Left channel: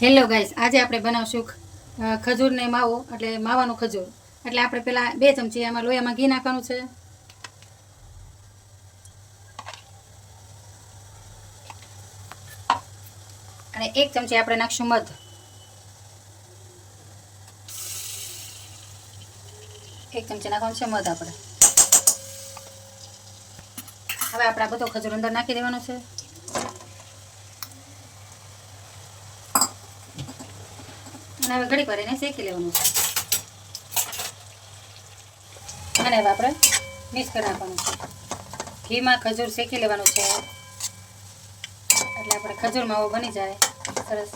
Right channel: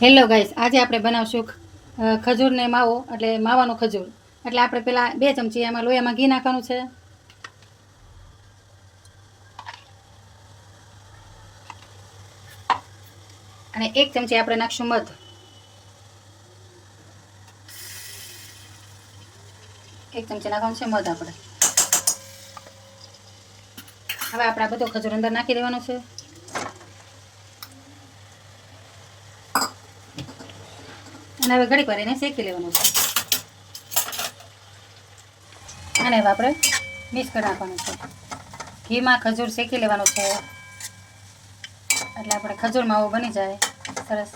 Hello guys, આજે આપણે બનાવશું ખજૂરને માવો, એટલે માવાનો ખજૂર. એટલે આપણે પેલા 2 ચમચી એમાં લોયામાં ઘી નાખવાનું છે. અને 1 ચમચી આપણે નાખશું મધ. 1 ચમચી નાખવાનું છે મધ આપણે. હવે આપણે આ બધો ખજૂર અંદર નાખી દેવાનો છે. અને હવે ઘડીક વાર એને શેકી લેવાનું છે. અને હવે આપણે મિક્સ કરી નાખવાનું છે. ઘીમાં ખજૂર શેકી લેવાનું છે એટલે આપણે ખજૂર માવો બની જાય સરસ.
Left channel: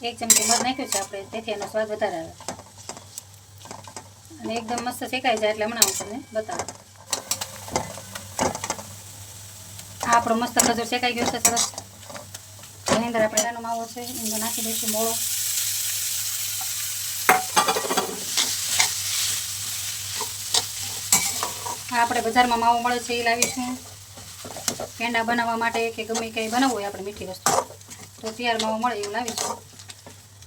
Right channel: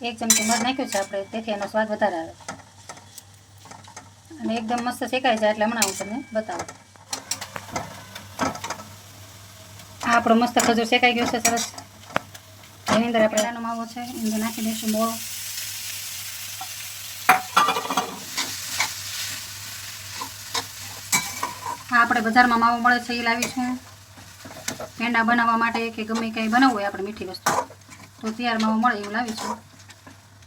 1 ચમચી મધ નાખ્યું છે આપણે, તેથી એનો સ્વાદ વધારે આવે. અને એકદમ મસ્ત શેકાઈ જાય એટલે હમણાં હું તમને બતાવું. આ આપણો મસ્ત ખજૂર શેકાઈ ગયો છે સરસ. એની અંદર આપણે એનો માવો છે એની અંદર નાખી દઈશું મોળો. આ આપણે બજારમાં માવો મળે છે એ લાવીશું. પેંડા બનાવવા માટે કે ગમે કંઈ બનાવવું હોય આપણે મીઠી વસ્તુ, તો તૈયાર માવો મળે એવું લાવીશું.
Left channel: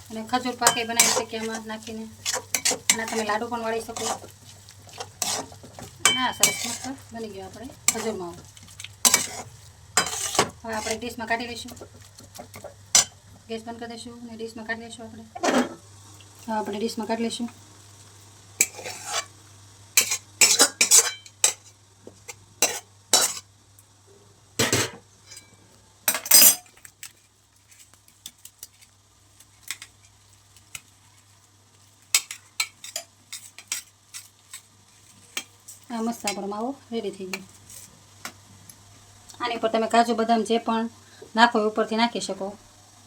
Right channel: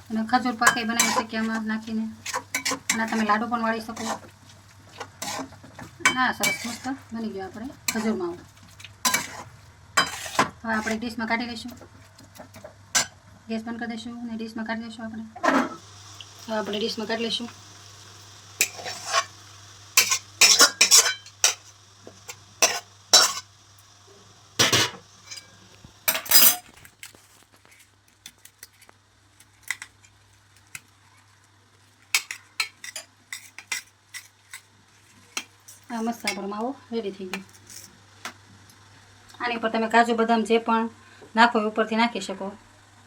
અને ખજૂર પાકે બનાવી શકીએ આમાં નાખીને. અને તમે લાડુ પણ વાળી શકો. ના, સરસ મસ્ત બની ગયો આપણે ખજૂર માવો. હવે આપણે ડીશમાં કાઢી લઈશું. ગેસ બંધ કરી દઈશું અને ડીશમાં કાઢી લઈશું આપણે. હવે આપણે ડીશમાં કાઢી લઈશું. આ મસ્ત આપણો માવો રેડી થઈ ગયો. આની ઉપર તમે કાજુ બદામ જે પણ નાખો એ ઉપરથી નાખી શકો.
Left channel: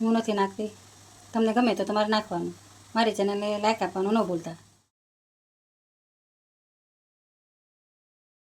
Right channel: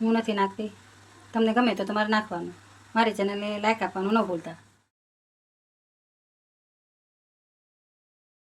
હું નથી નાખતી, તમને ગમે તો તમારે નાખવાનું. મારી ચેનલને લાઈક આપવાનું ન ભૂલતા.